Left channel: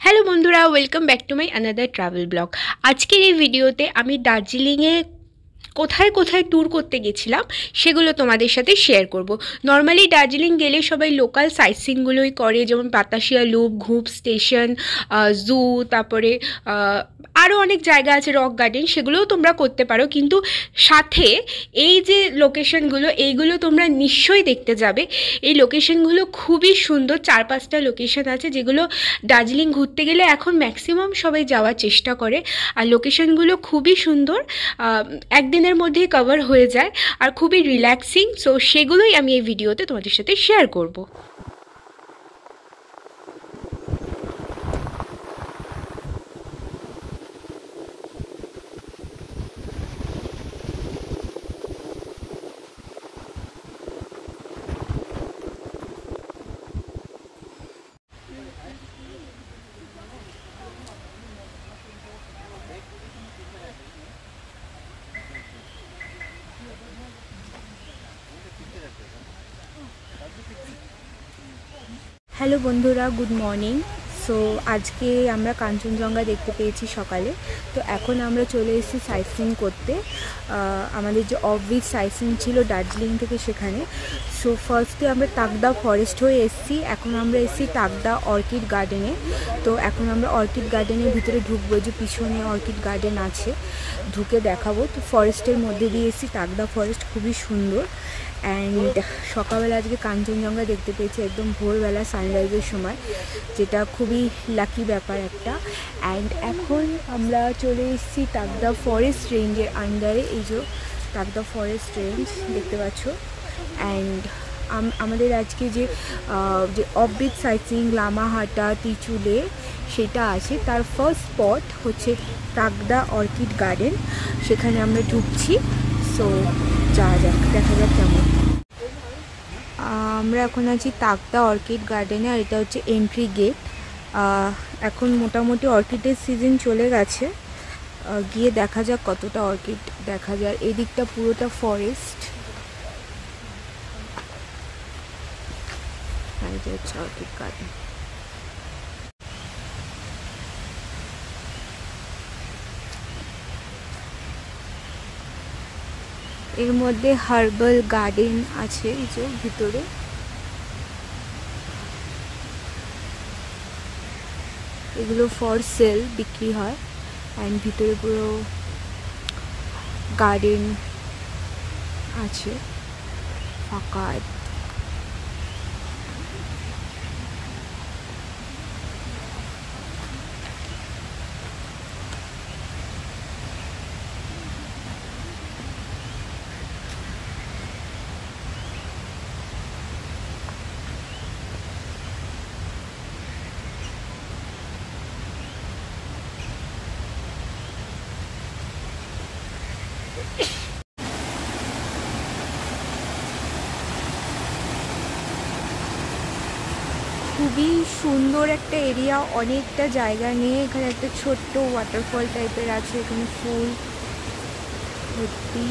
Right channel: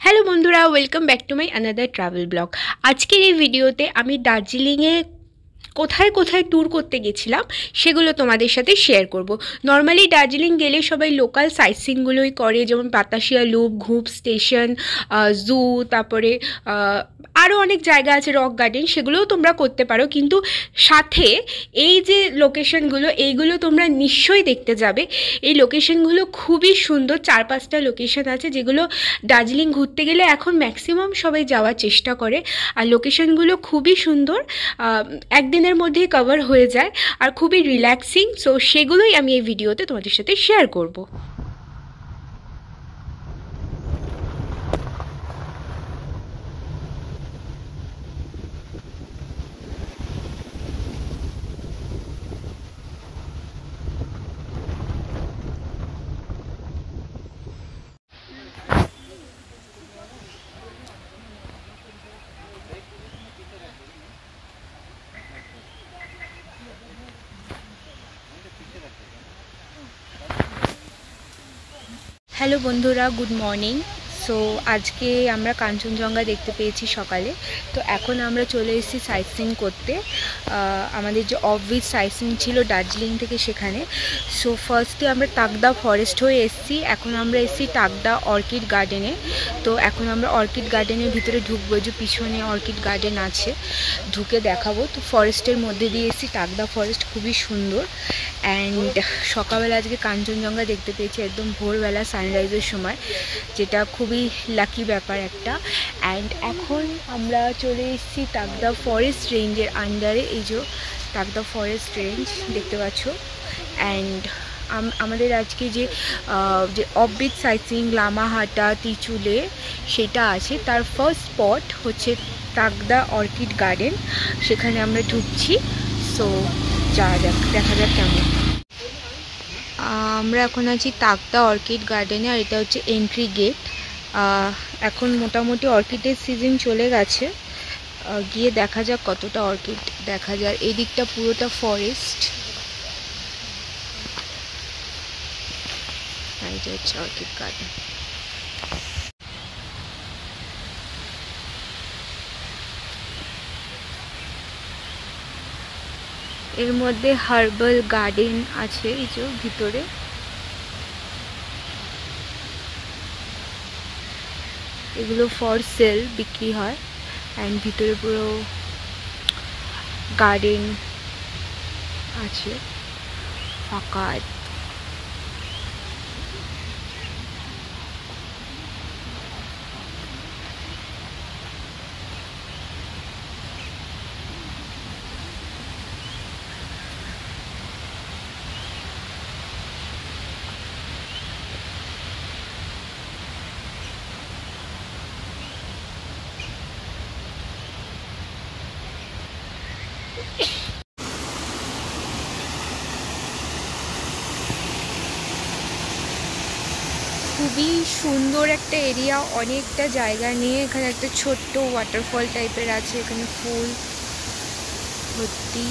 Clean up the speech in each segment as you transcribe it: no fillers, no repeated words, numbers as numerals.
Hello বন্ধুরা, welcome back to my another travel blog. আজকের এই ভিডিওতে আমি দার্জিলিংয়ে কোথায় কোথায় ট্যুর করতে গেছিলাম সেগুলো তোমাদের সাথে শেয়ার করব। নর্মালি দার্জিলিং গেলে সবাই লোকাল সাইট সিনগুলোই করে, যেমন বাতাসিয়া লুপ, ঘুপ স্টেশন, জু, তারপরে আরও অনেক জায়গা আছে, রক গার্ডেন, সেগুলোও তোমরা করতে পারো। কিন্তু সাথে এই যে লোকেশনগুলো, এইগুলো তোমরা নিশ্চয়ই দেখতে যাবে। এই লোকেশনগুলো খুবই সুন্দর, 4-5টা লোকেশন আছে যেগুলো দার্জিলিং ঘুরতে গেলে এখন ম্যাক্সিমাম সবাই যাওয়ার চেষ্টা করে। আর লোকেশনগুলো খুবই সুন্দর, একদিনের মধ্যেই কভার হয়ে যায় আর খুবই রিল্যাক্সিং। সো সেগুলোই আমি এই ভিডিওতে তোমাদের সাথে শেয়ার করব। হ্যালো বন্ধুরা, গুড মর্নিং। সো আজকে আমরা কাঞ্চনজঙ্ঘা দেখতে পেয়েছি সকালে। তো এখন আমরা চলে এসেছি সাইট সিন করতে। আমাদের যে অফবিট সাইট সিন ছিল দার্জিলিং থেকে, সেখানে। সো ফার্স্টে আমরা তাকদা ফরেস্ট হয়ে এসেছি, এখন আমরা এসেছি তাকদা অর্কিড গার্ডেনে। তো এখন আমরা অর্কিড গার্ডেনের ভিতরে ঢুকবো, যে পিছনে অর্কিড গার্ডেন আছে, ঢুকে দেখাবো। তো ফরেস্টের মধ্যে দিয়ে এসেছি, তাকদা ফরেস্ট খুবই সুন্দর। অ্যান্ড সকালবেলা আজকে কাঞ্চনজঙ্ঘা দেখতে পেয়েছি একদম ভোরবেলা সানরাইজের সময়, যেটা খুবই লাকি ব্যাপার একটা। অ্যান্ড এখন আমরা চলে এসেছি তাকদা ফরেস্ট রেঞ্জের আন্ডারে। এই যে তাকদা ফরেস্ট রেঞ্জ দেখতে পাচ্ছ। অ্যান্ড আমাদের আজকে যে অফবিট সাইটসিং লামাহাটা তিচুলে সেটা আছে, তার ফার্স্ট স্পট হচ্ছে তাকদা অর্কিড গার্ডেন। সেখানে আমরা ঢুকছি। সো যাওয়া যাক, দেখা যাক কেমন। আমরা এখন আছি তাকদা অর্কিড গার্ডেনে, আর এটা হচ্ছে এন্ট্রি গেট। এখন মোটামুটি অর্কিডের সিজন চলে গেছে, গিয়ে দেখা যাক কতটা অর্কিড দেখা যায়। এই দিকটা পুরোটা ফরেস্ট, এটা হচ্ছে অর্কিড গার্ডেন। এর মধ্যে হার্বাল গার্ডেন আছে, এই যে ভিতরে। এগুলো ফর সেল বিক্রি হয়। অ্যান্ড ভিতরে পুরো গার্ডেন আছে, ফাঁকা। খুবই সুন্দর একটা এরিয়া, অনেকটা জায়গা নিয়ে। এখানে একটা ছোট্ট ওয়াটারফল টাইপের আছে, এখানে ফুল ভর্তি।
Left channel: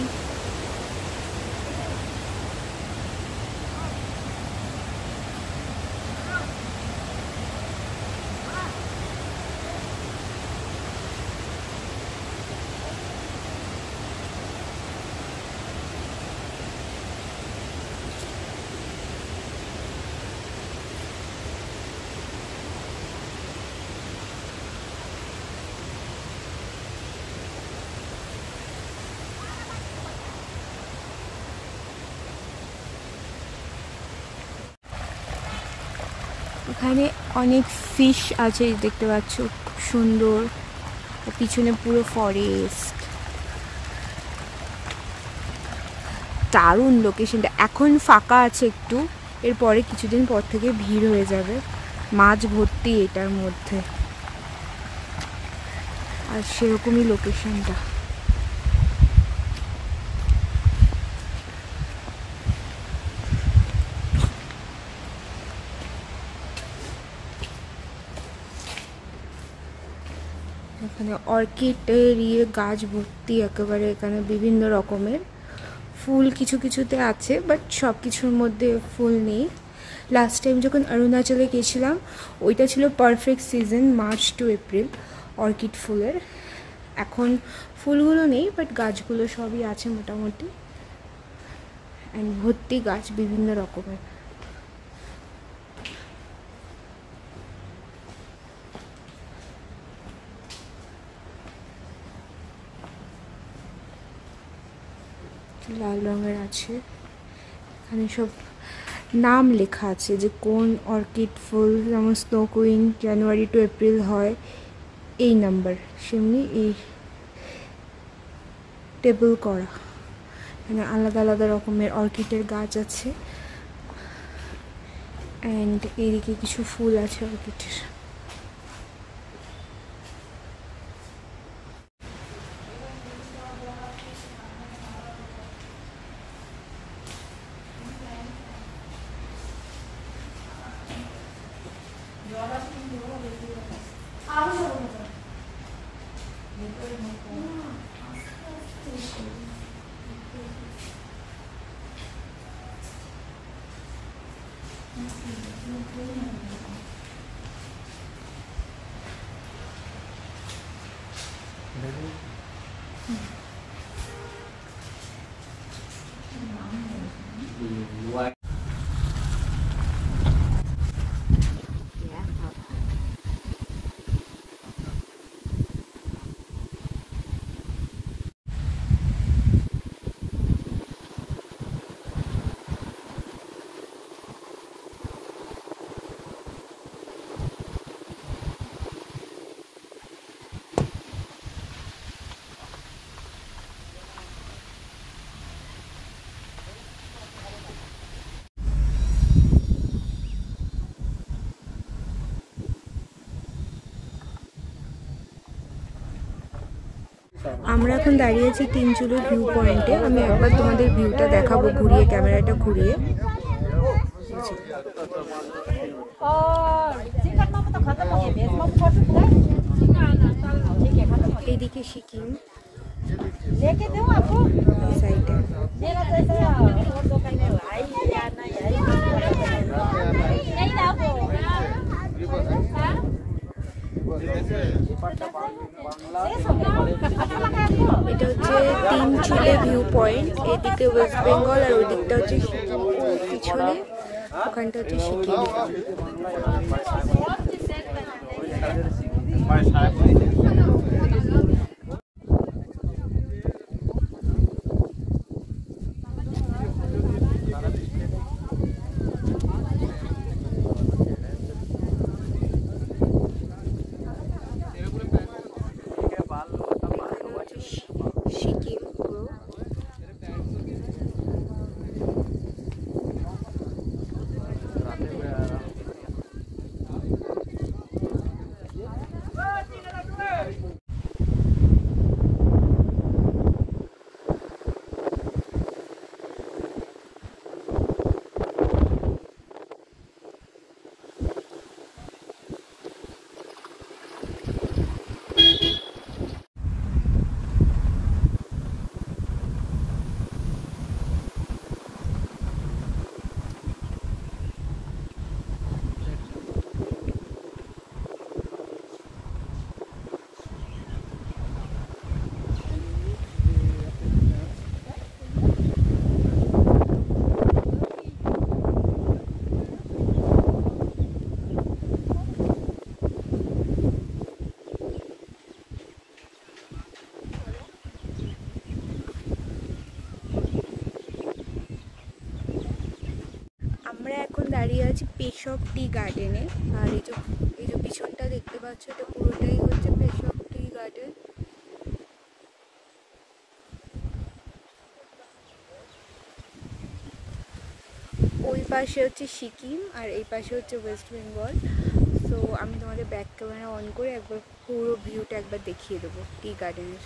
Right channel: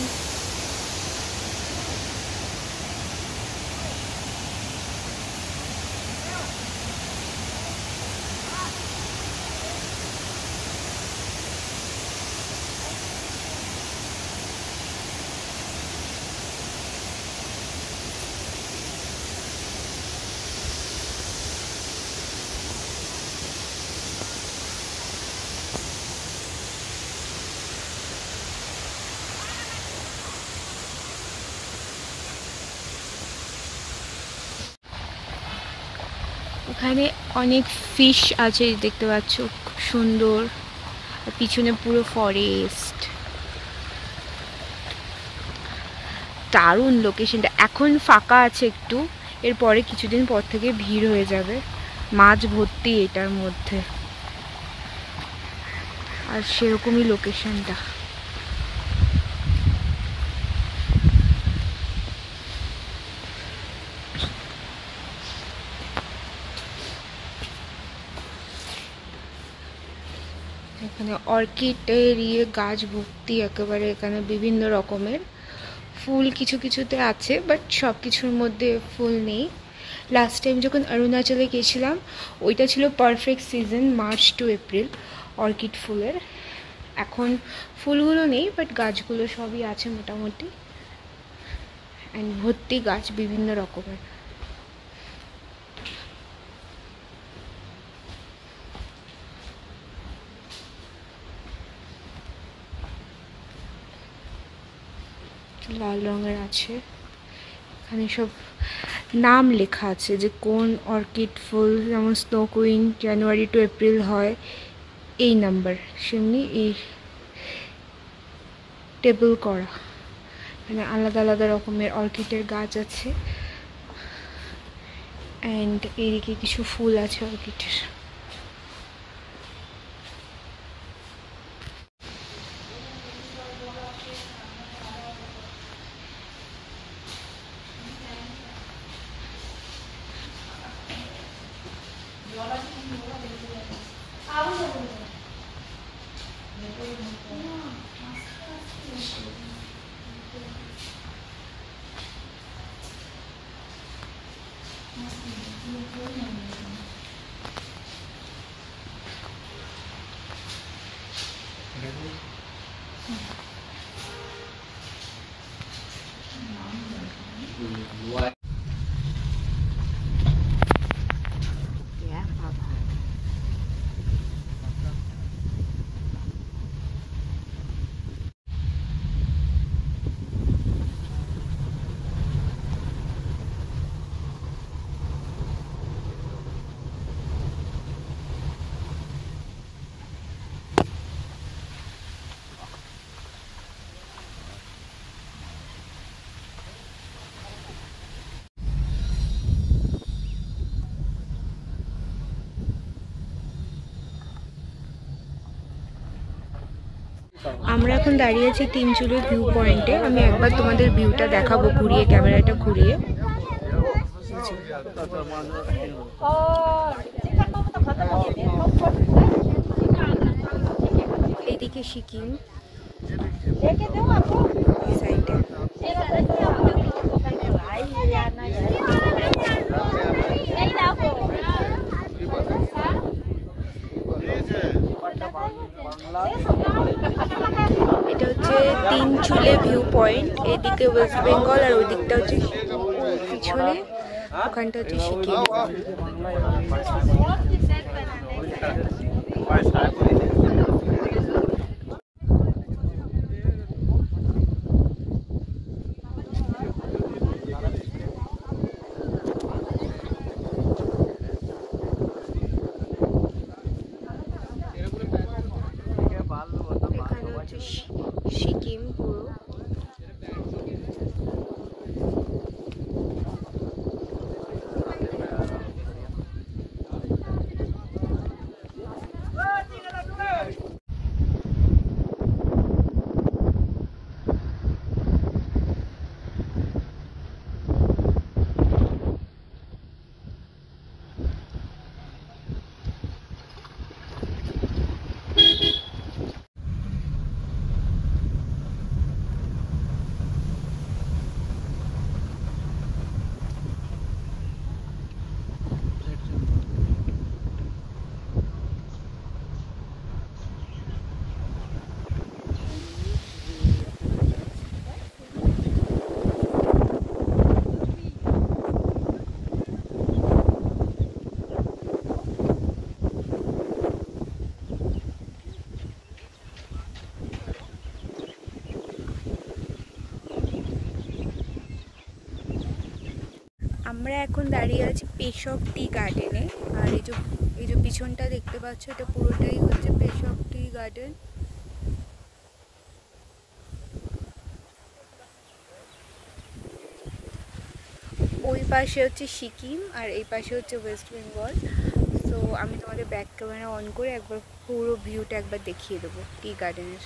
এখানে অনেক ফিশ আছে দেখতে পাচ্ছ, খুব সুন্দর। পিছনে পুরো ফরেস্ট, দারুণ লোকেশনটা। এখন ফাঁকা আছে একটু, এরপরে কিছুদিন পর থেকে ভিড় হয়ে যাবে। মাছ ভর্তি এটার মধ্যে, আর সেরকমই লোকেশনটা। এখানে অর্কিডের গাছ ভর্তি একেবারে। এখানে বিভিন্ন রকমের ফুল কিছু কিছুতে আছে, বাট সব কিছুর মধ্যে ফুল নেই। লাস্ট টাইম যখন অরুণাচলে গেছিলাম ওইটা ছিল perfect season, March to April orchid ফুলের। এখন ফুলগুলো নেই, বাট গাছগুলো সবই আছে মোটামুটি, অ্যান্ড ভর্তি গাছ বিভিন্ন রকমের। লাল রঙের আছে, এখানে সব নাম লেখা আছে যে কোন অর্কিড ফুল, যেমন স্নো কুইন জানুয়ারি টু এপ্রিল হয় এই নাম্বার, সেমনি এই টেবিল করা, মানে আলাদা আলাদা রকমের অর্কিডের গাছ আছে। অ্যান্ড এইদিকে কিছু ফুল আছে অর্কিডের। আমরা এখন দাঁড়িয়ে আছি তিনচুলের ভিউ পয়েন্টে। আমি একবার তোমাদের ভিউটা দেখাবো ঘুরিয়ে, ক্যামেরাটা ঘুরিয়ে। এদিকে সিকিম, এই সাইডে এটা হচ্ছে তিনচুলে ভিউ পয়েন্ট। এদিকে ওয়েস্ট বেঙ্গল আর ওই দিকটা হচ্ছে পিছনে, ওখানটা হচ্ছে সিকিম। সিকিম পুরো। আমরা এখন দাঁড়িয়ে আছি পেশক টি গার্ডেনে। আর এই যে পিছনটা দেখতে পাচ্ছ, এটা পুরোটাই হচ্ছে পেশক টি গার্ডেন। ওই পাশে হচ্ছে সিকিম আর এই পাশে হচ্ছে ওয়েস্ট বেঙ্গল। সো আমি তোমাদের ব্যাক ক্যামেরা অন করে একবার পুরো ভিউটা একবার দেখিয়ে দেবো টি গার্ডেনের।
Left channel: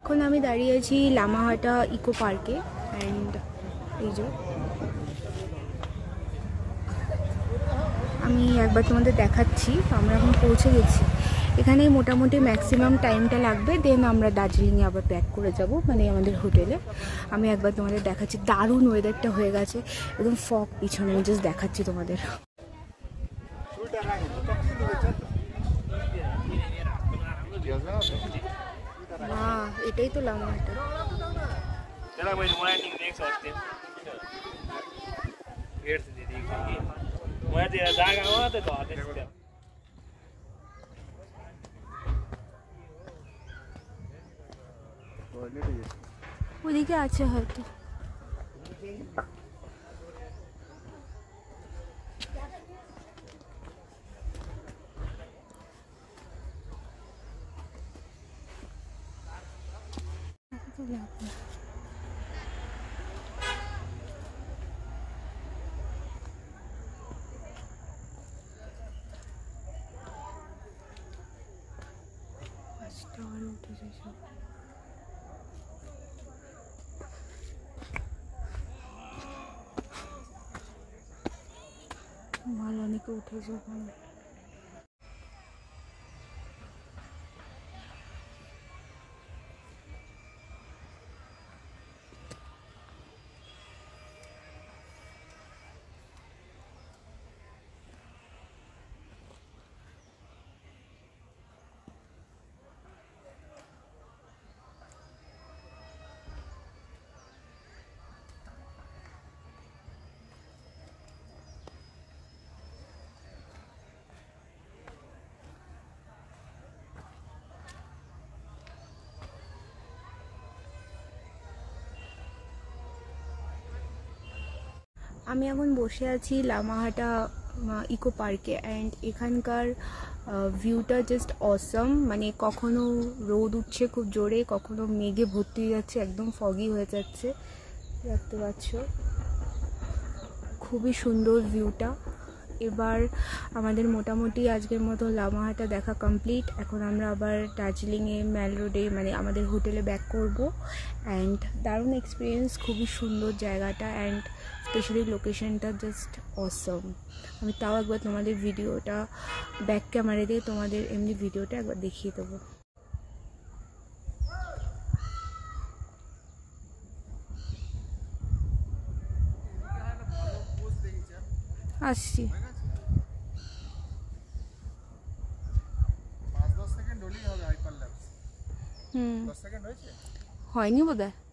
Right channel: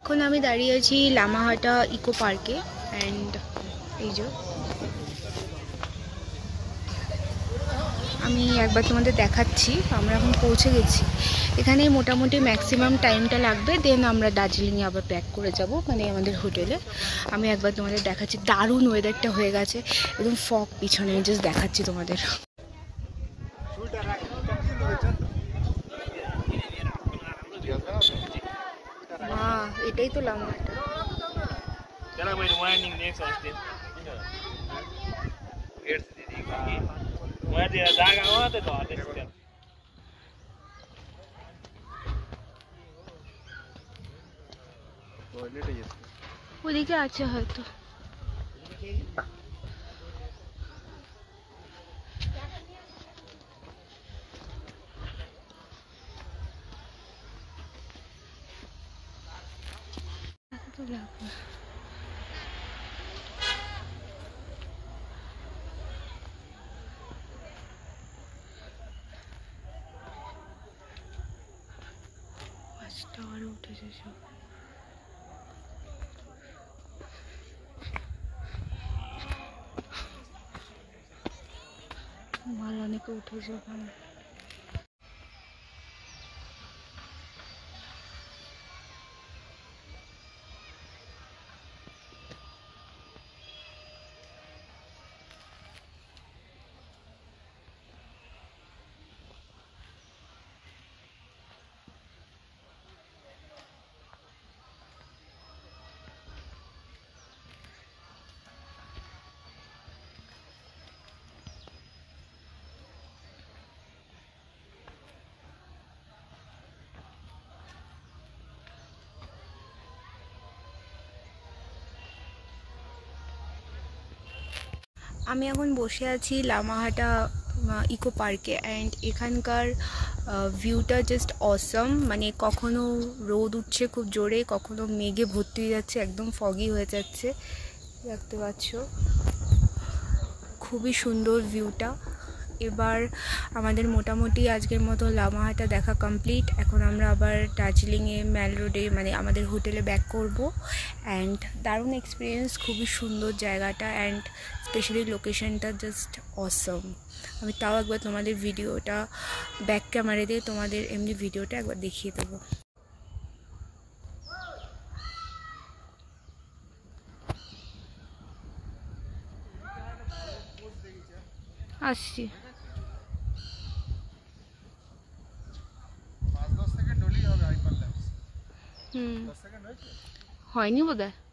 এখন আমি দাঁড়িয়ে আছি লামাহাটা ইকো পার্কে অ্যান্ড এই যে আমি একবার তোমাদের দেখাচ্ছি। আমরা এখন পৌঁছে গেছি এখানে। মোটামুটি ম্যাক্সিমাম টাইমটা লাগবে, দেন আমরা দার্জিলিংয়ে আবার ব্যাক করে যাব, মানে আমাদের হোটেলে। আমি একবার তোমাদের দেখাচ্ছি। দারুণ ওয়েদারটা হয়ে গেছে, একদম ফগ পিছনে। আমি জাস্ট দেখাচ্ছি তোমাদের। এটাই তো লামাহাটা। ওদিকে আছে হয়তো। টাওয়ারে উঠেছে সব। মাল অনেকে উঠেছে ওখানে। আমি এখন বসে আছি লামাহাটা ইকো পার্কে অ্যান্ড এখানকার ভিউটা জাস্ট অসম। মানে কখনো রোদ উঠছে খুব জোরে, কখনো মেঘে ভর্তি হয়ে যাচ্ছে, একদম ফগি হয়ে যাচ্ছে, দেখতে পাচ্ছ। খুবই সুন্দর ভিউটা। এবার আমাদের মোটামুটি আজকের মতো লামাহাটা দেখা কমপ্লিট। এখন আমরা আবার দার্জিলিংয়ে ম্যাল রোডে মানে আমাদের হোটেলে ব্যাক করব। অ্যান্ড দারুণ এক্সপিরিয়েন্স, খুবই সুন্দর জায়গাটা অ্যান্ড স্পেশালি লোকেশনটা জাস্ট অসম। আমি তাও একবার তোমাদের ভিডিওটা ব্যাক ক্যামেরা দিয়ে তোমাদের এমনি ভিডিওটা একবার দেখিয়ে দেবো। আসছি। হয়নি বোধহয়।